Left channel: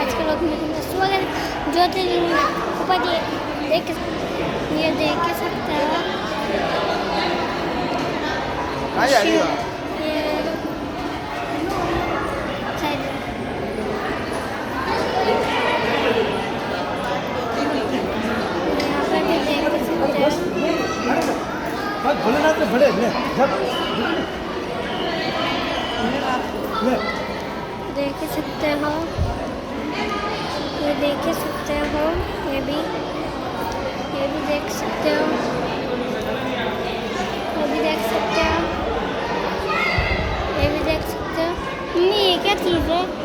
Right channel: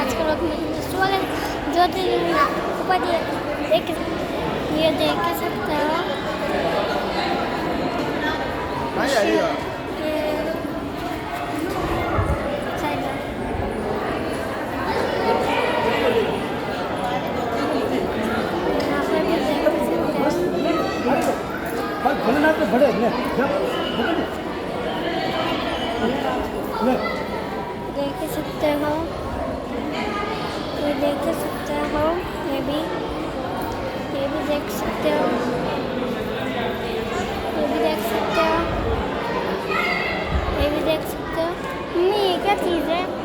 आज के वक्त में स्वागत जो थे ऊपर ये देख सकते हो ये यहाँ पे भी देख सकते हो ये देख सकते हो ये भी देख सकते हो ये भी देख सकते हो ये भी देख सकते हो। ये क्या चीज़ है?